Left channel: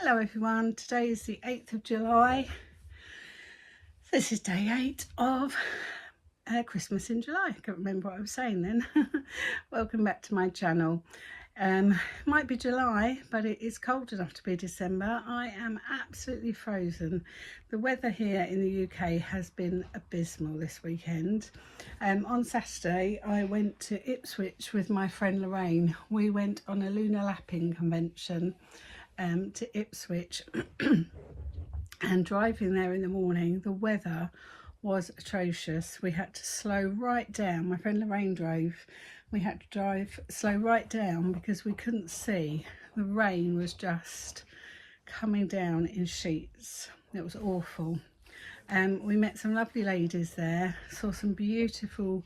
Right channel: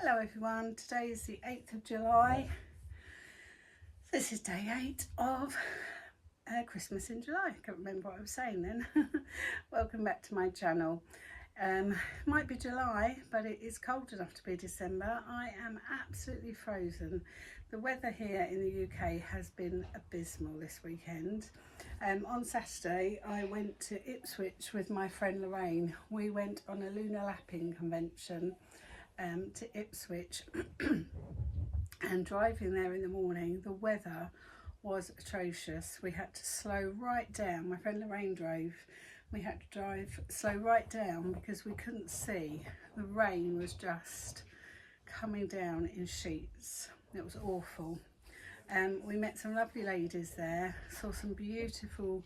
Hello everyone, today is the 8th of July. This is day 8 of Christmas in July. I can't remember what I was saying then. Welcome back to my channel. Might be July, but it is cold enough to be December. I am absolutely frozen. The weather here in the UK has been abysmal this weekend. On Saturday I went to Ipswich with my friend Lorraine. We went on a lunar lapping convention to Ipswich and driving there in the morning, the weather was atrocious. We had to slow right down. My friend Lorraine drove. We had to drive slow right down because we couldn't see. The rain was just coming down in sheets. It was awful. We met some lovely ladies there, saw some beautiful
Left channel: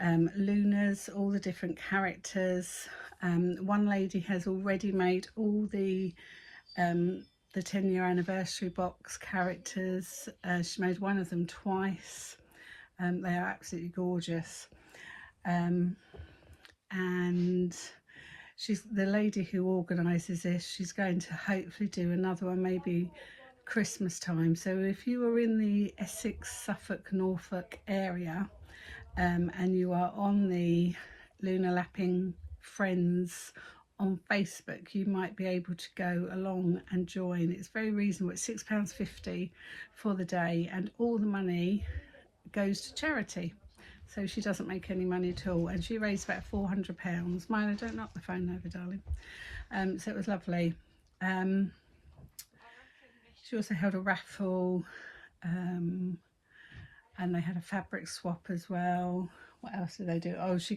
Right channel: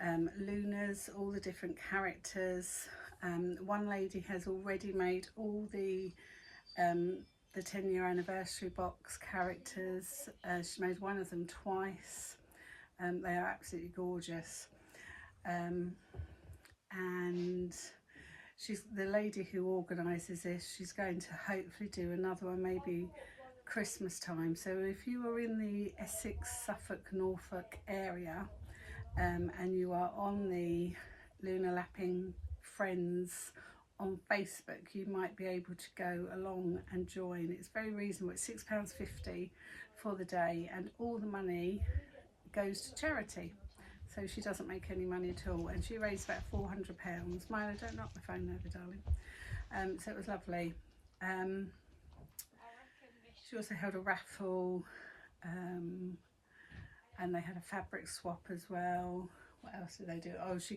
lunars, all the different characters. One lady has already made all the 10-year anniversary box characters. She made one of them twice. They are absolutely gorgeous. And she's the lady who organises this. She's going to hopefully do another one, maybe Christmas time. So if you are in the Essex, Suffolk, Norfolk area, and you are on the Lunar Lapping Friends on Facebook, you might be able to go along and join. It's very reasonable. It's £6.50 for the day, and all the money goes to charity. So she doesn't make any money at all, and she raised about £400. Milo, don't knock the phone over, darling. So it was lovely. She also held a raffle, and they had a fabric swap as well. What else did they do? Oh, she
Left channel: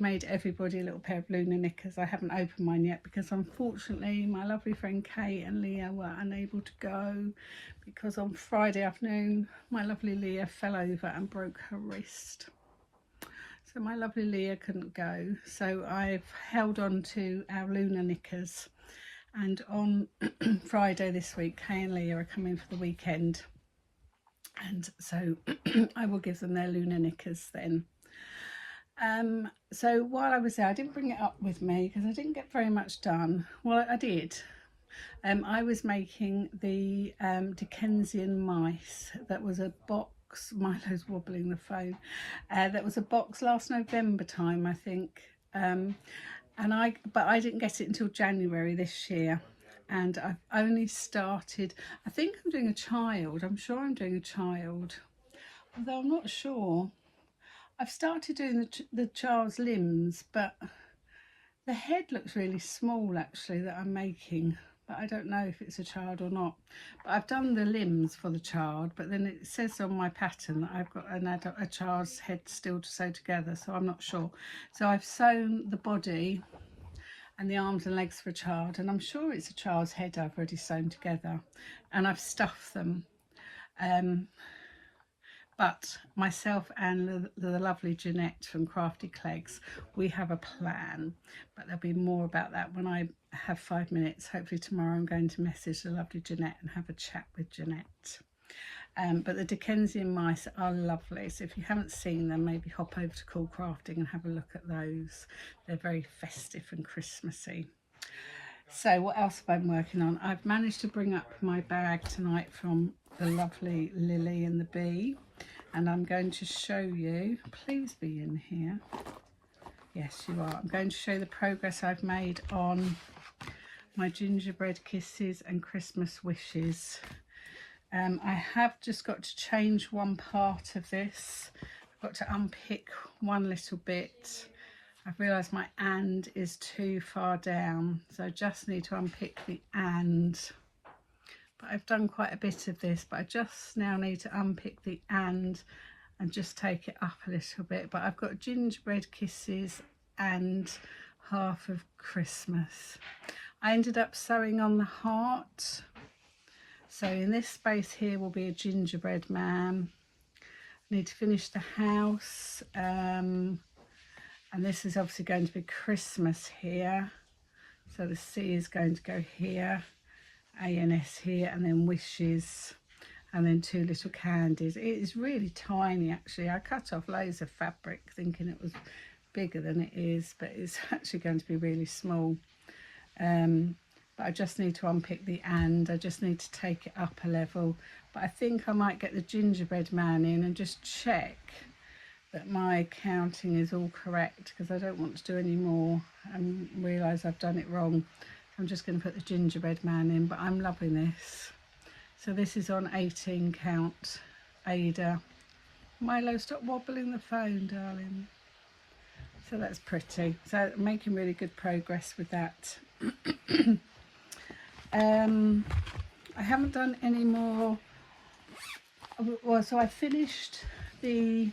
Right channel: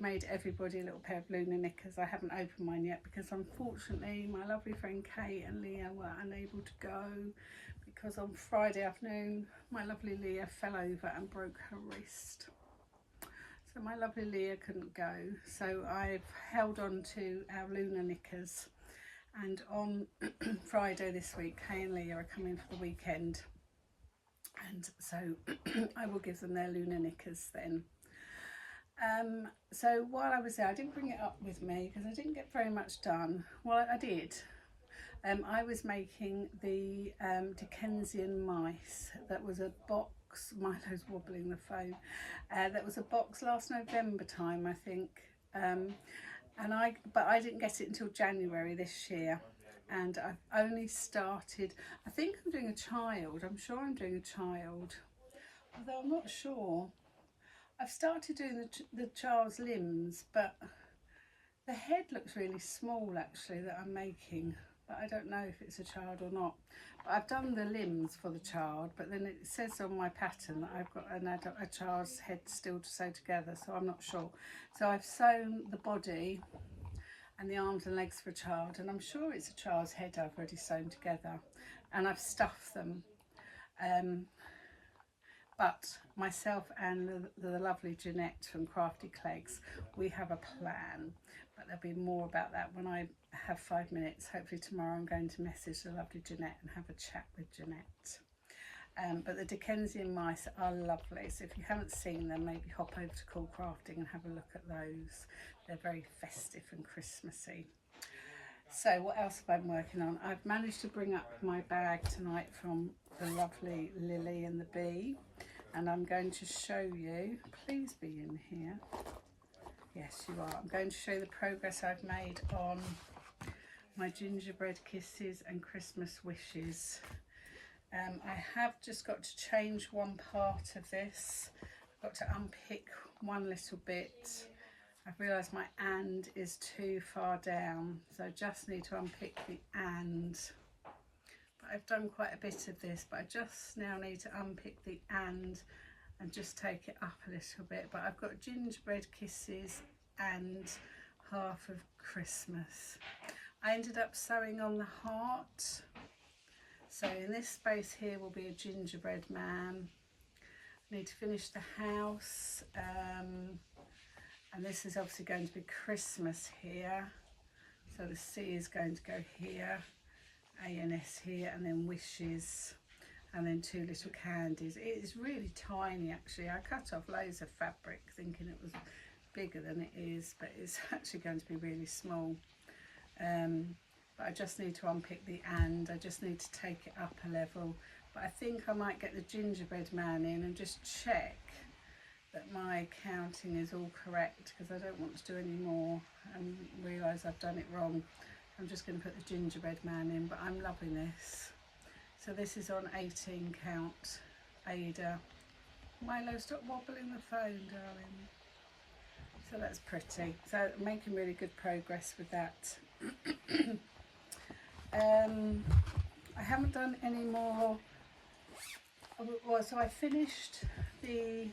made everybody a little pair of lunar knickers. I haven't opened mine yet because unfortunately my lovely friend Kate and Leah were unable to go because on Friday afternoon my lovely Leah fell over and broke her wrist. So my lovely Leah couldn't go. So I've held on to our lunar knickers, and on Friday this week Kay and Leah are coming for the weekend. And so I will give them their lunar knickers then. So while I was there, I didn't bring it up with me because I didn't get very much done. Well, I did. I was making the Dickensian mice. That was a box. Milo's wobbling the phone. That was a box last November time, I think. But I didn't get it until January this year. And I've only started, I think I'm doing a child. I'm sure I'm doing a child, although I'm not sure. I've started doing the child's limbs, but the head looks really small actually that I'm making, but I don't know if it's a child or not. But I've done the limbs for the child, but then it says on my pattern that I've got a child's head still to sew together, so I'm not sure. So I've sewn the body and the arms and legs for a child, and I'm sure it's a child's head I've already sewn together, and I've stuffed them. But myself and the lovely Jeanette from Crafty Clegs, we have a plan, but there'll be more about that when I have 5 minutes. Hopefully tomorrow I'm going to message the lovely Jeanette and have a chat with Jeanette. But the Dickensian mice are lovely, so if you haven't seen them, maybe hop over to Cool Crafting and have a look at those. They're very festive and Christmassy. So what else have I been working on? I've managed to bring up my bag tonight from the lovely Lily and the Bee, and I'm going to show you, please be in here. Yes, you are. I'm going to show you the progress I've made on my gingerbread kisses and Christmas wishes. I have just got to change one part of this. I've got to unpick one little bit. I've realised my "and" is too far down, so I just need to unpick the "and." But I've done quite a bit of this, but I just now need to unpick the "and" just take it up a little bit. But I've got gingerbread kisses and half of Christmas. I ended up sewing on the heart. So in this space here will be a gingerbread man. I need to finish the house, and this is obviously going to be Christmas here. So the C is going to go here, A and S here, and then wishes, and then 2 little candies. It is really tiny actually. I cut off loads of fabric thinking it was bigger than it is, but it's actually going to be really small. but I just need to unpick the and. I just need to take it up a level. But I think I might get the gingerbread man in and just check that my counting is all correct, because I don't want to do any more and realise I've done it wrong. So I'm just going to put the gingerbread man in, but I'm loving this. So this is on 18 count, Ada. Milo, stop wobbling the phone, darling. So that's pretty. So I'm making really good progress with that. I haven't done any more. Well, so I finished the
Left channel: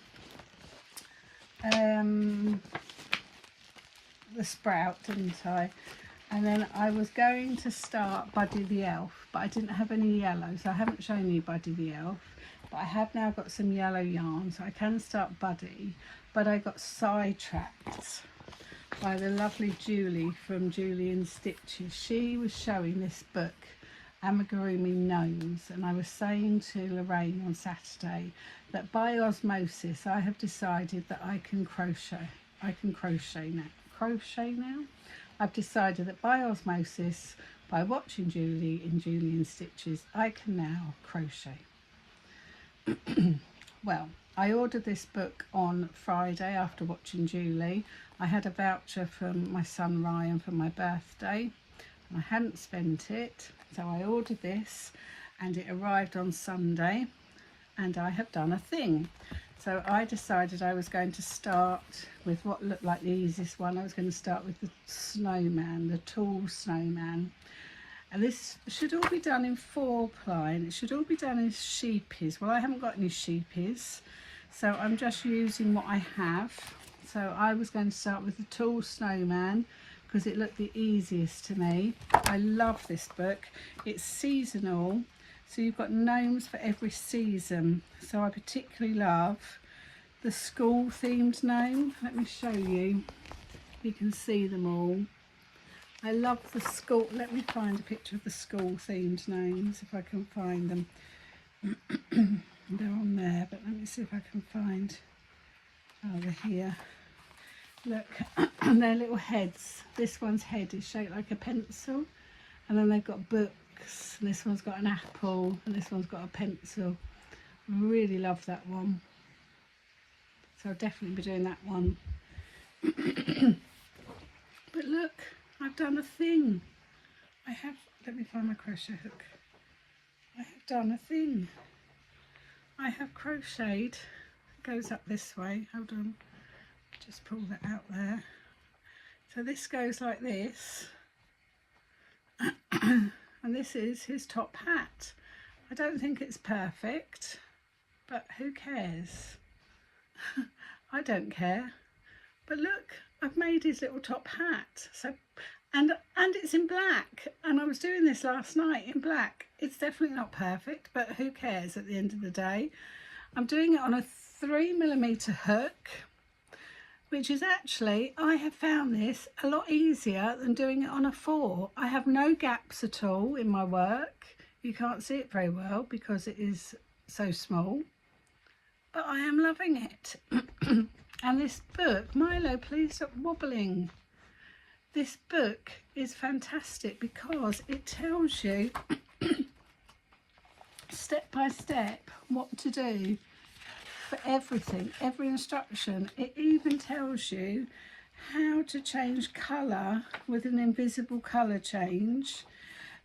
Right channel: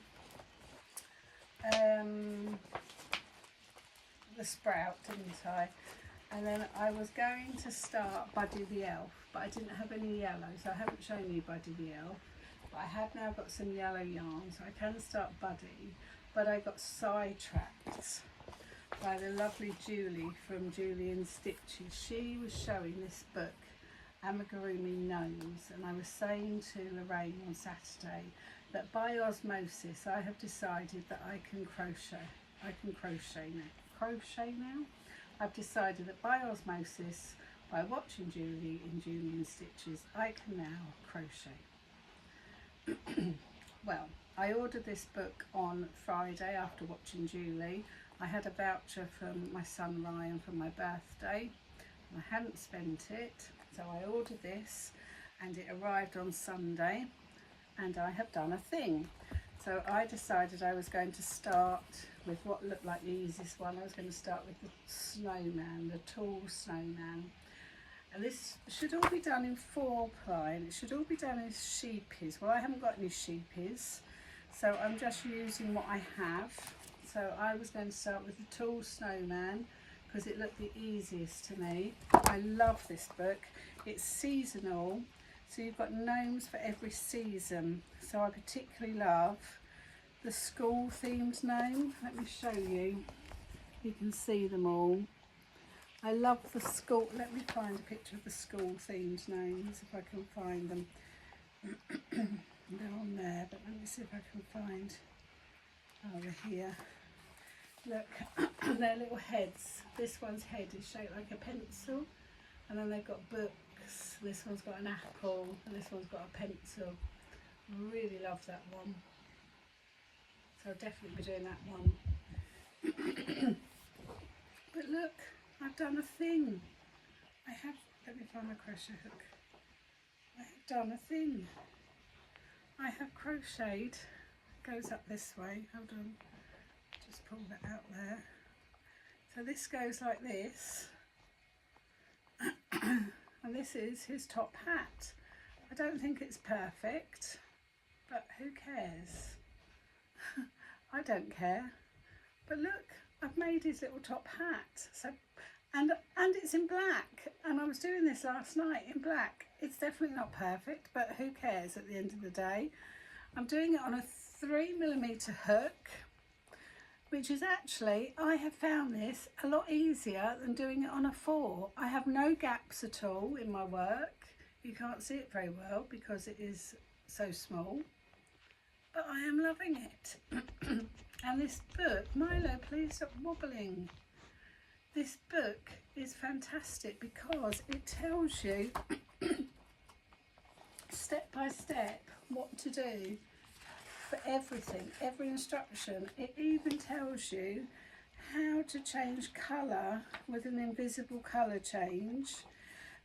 sprout, didn't I? And then I was going to start Buddy the Elf, but I didn't have any yellow, so I haven't shown you Buddy the Elf. But I have now got some yellow yarn, so I can start Buddy. But I got sidetracked by the lovely Julie from Julie in Stitches. She was showing this book, Amigurumi Gnomes, and I was saying to Lorraine on Saturday that by osmosis I have decided that I can crochet. Crochet now. I've decided that by osmosis, by watching Julie in Julie in Stitches, I can now crochet. Well, I ordered this book on Friday after watching Julie. I had a voucher from my son Ryan for my birthday, and I hadn't spent it, so I ordered this and it arrived on Sunday, and I have done a thing. So I decided I was going to start with what looked like the easiest one. I was going to start with the snowman, the tall snowman. And this should all be done in 4-ply, and it should all be done in sheepies. Well, I haven't got any sheepies, so I'm just using what I have. So I was going to start with the tall snowman because it looked the easiest to me. I love this book. It's seasonal, so you've got gnomes for every season. So I particularly love the school themed gnome. Let me show you. You can see them all. I love the school. Let me find a picture of the school themed gnomes if I can find them. They're on there, but let me see if I can find. Oh, they're here. Look, their little heads. This one's head is shaped like a pencil, and then they've got books. And this one's got an apple, and this one's got a pencil. I really love that one. So I'll definitely be doing that one. But look, I've done a thing. Let me find my crochet hook. I have done a thing. I have crocheted. It goes up this way. Hold on. Just pull that out there. So this goes like this. And this is his top hat. I don't think it's perfect, but who cares? I don't care. But look, I've made his little top hat. So and it's in black, and I was doing this last night in black. It's definitely not perfect, but who cares at the end of the day. I'm doing it on a 3mm hook, which is actually, I have found this a lot easier than doing it on a 4. I have no gaps at all in my work. You can't see it very well because it is so small, but I am loving it. And this book, Milo, please stop wobbling. This book is fantastic because it tells you step by step what to do for everything, every instruction. It even tells you how to change colour with an invisible colour change.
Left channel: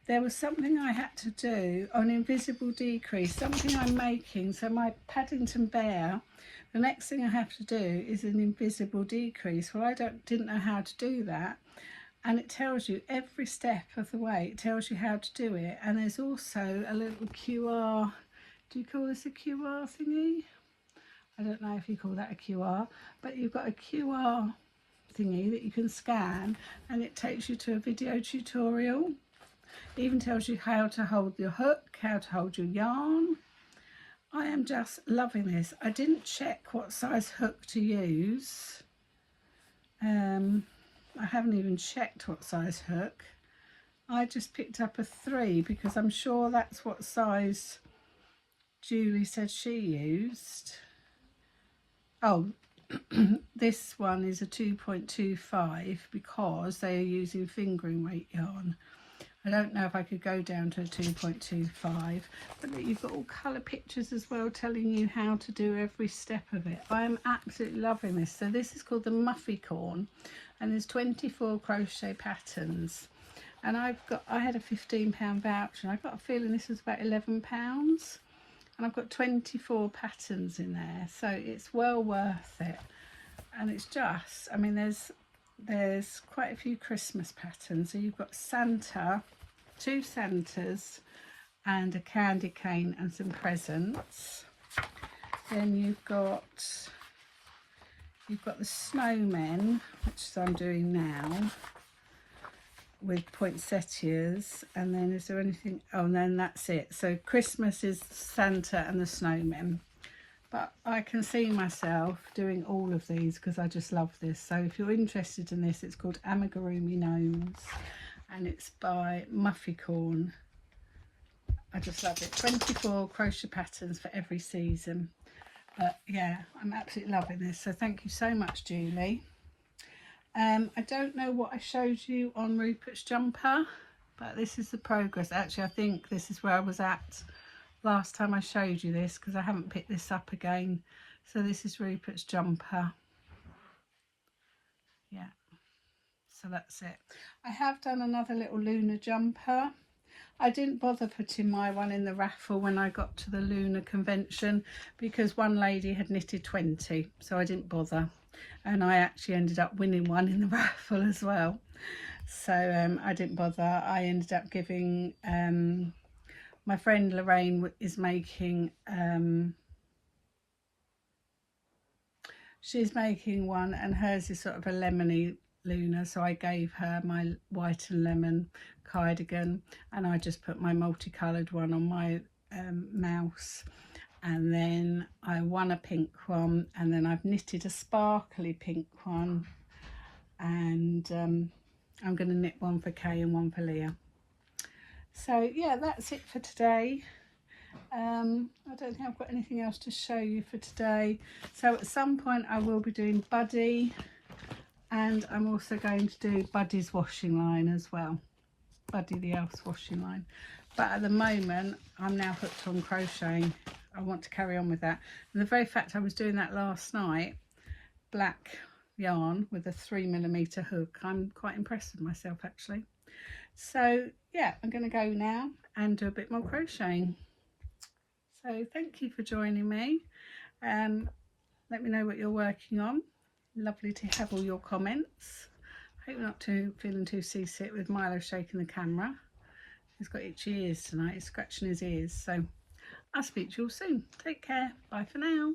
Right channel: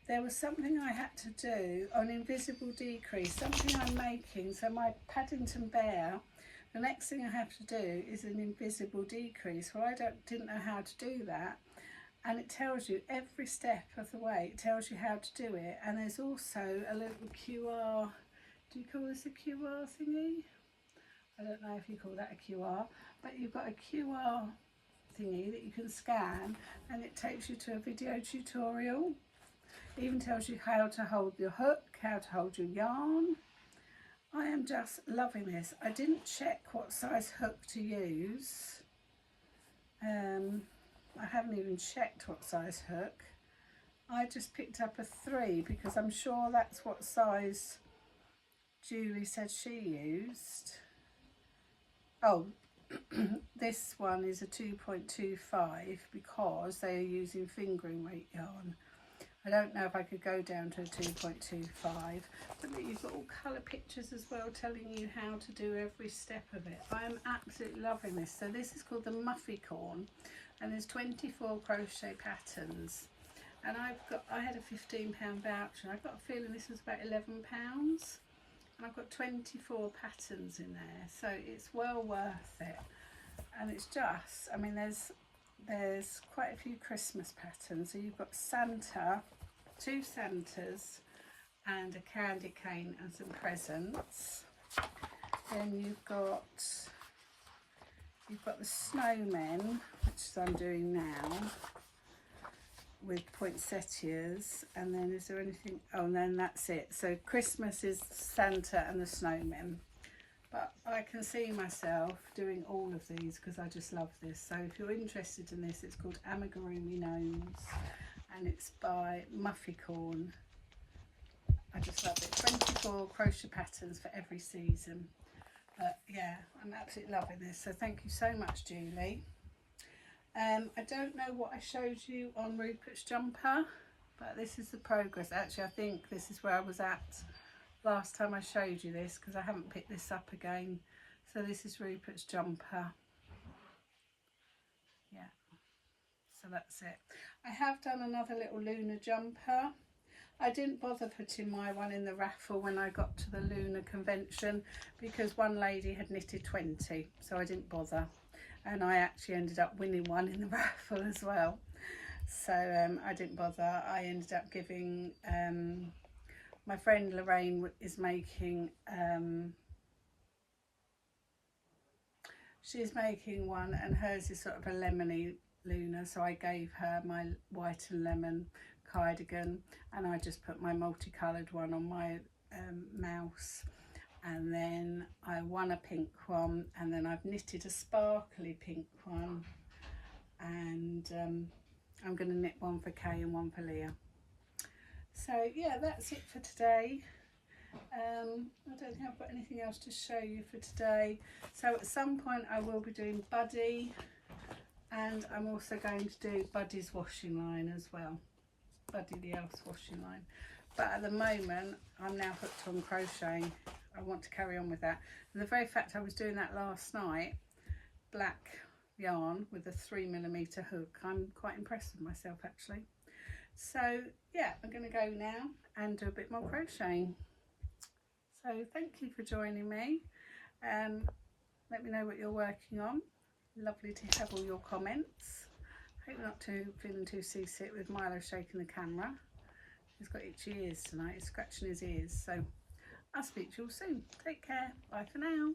There was something I had to do on invisible decrease, something I'm making. So my Paddington Bear, the next thing I have to do is an invisible decrease. Well, I didn't know how to do that. And it tells you every step of the way. It tells you how to do it. And there's also a little QR. Do you call this a QR thingy? I don't know if you call that a QR, but you've got a QR thingy that you can scan, and it takes you to a video tutorial. It even tells you how to hold your hook, how to hold your yarn. I am just loving this. I didn't check what size hook to use. I haven't even checked what size hook. I just picked up a 3 because I'm sure that's what size Julie said she used. Oh, this one is a 2.25 because they are using fingering weight yarn. I don't know if I could go down to a 2.25, but look, you've got all colour pictures as well telling you how to do every step of it. I am absolutely loving this. So this is called the Muffy Corn, and there's 24 crochet patterns. And I had a £15 voucher, and I've got a feeling this was about £11. And I've got 24 patterns in there, so it's well worth it. And it's just, I mean, there's quite a few Christmas patterns. So you've got Santa, 2 Santas and a candy cane and some presents. Then you've got the snowmen, which I'm doing now with poinsettias. And then is there anything? Oh, and then that's it. So Christmas is Santa and the snowmen. But I can see myself doing all of these because I just love this. So if you're interested in this, it's called Amigurumi Gnomes and it's by Muffy Corn. I just love it. 24 crochet patterns for every season. But yeah, I'm absolutely loving this. So thank you so much, Julie. I don't know what I showed you on Rupert's jumper, but this is the progress. Actually, I think this is where I was at last time I showed you this, because I haven't picked this up again. So this is Rupert's jumper. Yeah, so that's it. I have done another little lunar jumper. I didn't bother putting my one in the raffle when I got to the lunar convention because one lady had knitted 20, so I didn't bother, and I actually ended up winning one in the raffle as well. So I didn't bother. I ended up giving my friend Lorraine is making, she's making one, and hers is sort of a lemony lunar, so I gave her my white and lemon cardigan, and I just put my multicoloured one on my mouse, and then I won a pink one, and then I've knitted a sparkly pink one, and I'm going to knit one for Kay and one for Leah. So yeah, that's it for today. I don't think I've got anything else to show you for today. So at some point I will be doing Buddy, and I'm also going to do Buddy's washing line as well. Buddy the Elf's washing line. But at the moment I'm now hooked on crocheting. I want to carry on with that. And the very fact I was doing that last night, black yarn with a 3mm hook, I'm quite impressed with myself actually. So yeah, I'm going to go now and do a bit more crocheting. So thank you for joining me. Let me know what you're working on. Lovely to have all your comments. Hope you're not feeling too seasick with Milo shaking the camera. He's got itchy ears tonight. He's scratching his ears. So I'll speak to you all soon. Take care. Bye for now.